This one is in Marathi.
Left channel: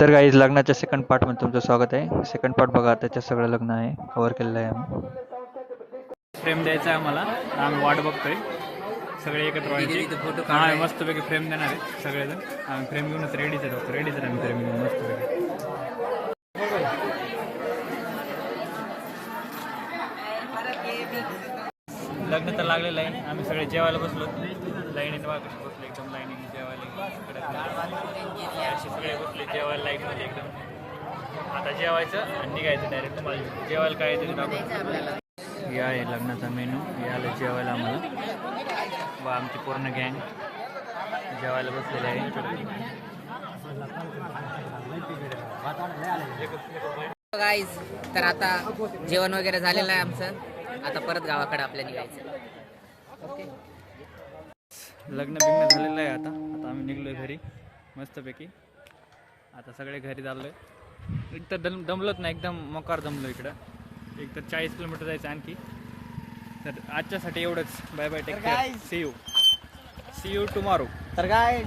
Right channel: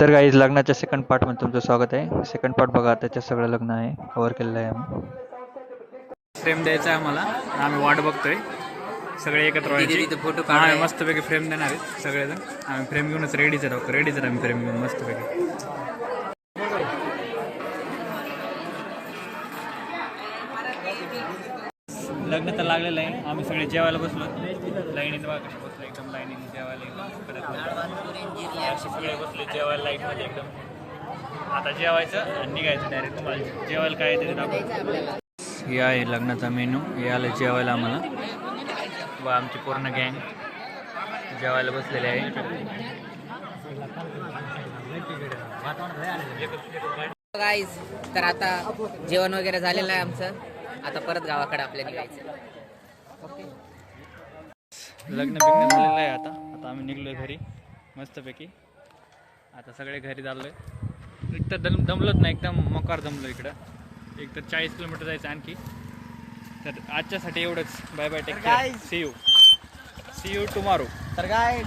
तर गाईज लग्नाच्या सेकंड पार्टमध्ये तुमचं स्वागत आहे. सेकंड पार्ट बघा, त्याच्यात सगळं लग्न आहे कव्हर केलेलं आहे आम्ही. फ्रेम द्यायचा आहे आम्हाला, आम्ही वाट बघतोय सगळे एकत्र व्हायचे. फोटो आम्ही मस्तपैकी फ्रेम देणार आहेत सगळेजण. आम्ही फ्रेम घेऊनच रेडीच आहे आम्ही फ्रेम घेऊन मस्तपैकी. लग्न तर लागलेलं आहे. आम्ही सगळे जेवायला बसलो. लाईनीत बघा कशी बसलो, एकदम लाईनीने जेवायला असे सगळे बसले जेवायला लाईनमध्ये एकदम. आता जेवायचं आणि निघायचं डायरेक्ट. तुम्हाला जेवायला काय आहे ते दाखवतो. हे आहे लग्नाचा मेनू. हे आलं जेवायला आम्हाला. वा आमची पूर्ण गँग जेवायला बसलेले आहे. गाईज, तर आता जेवण वगैरे झालेलं आहे आमचं. आता परत गावाकडे आपल्या निघायचं. लग्न बिग्न झालेलं आहे. आता आम्ही निघलोय घरी मस्तपैकी. आता सगळे घरी चाललोय. एक तर दमलत नाही, एकदम मकार दमलो इकडं. एक तर 40 किलोमीटर जायचं आणखी. तर आजच्यासाठी एवढंच. Bye bye, take care. See you tomorrow. तर काय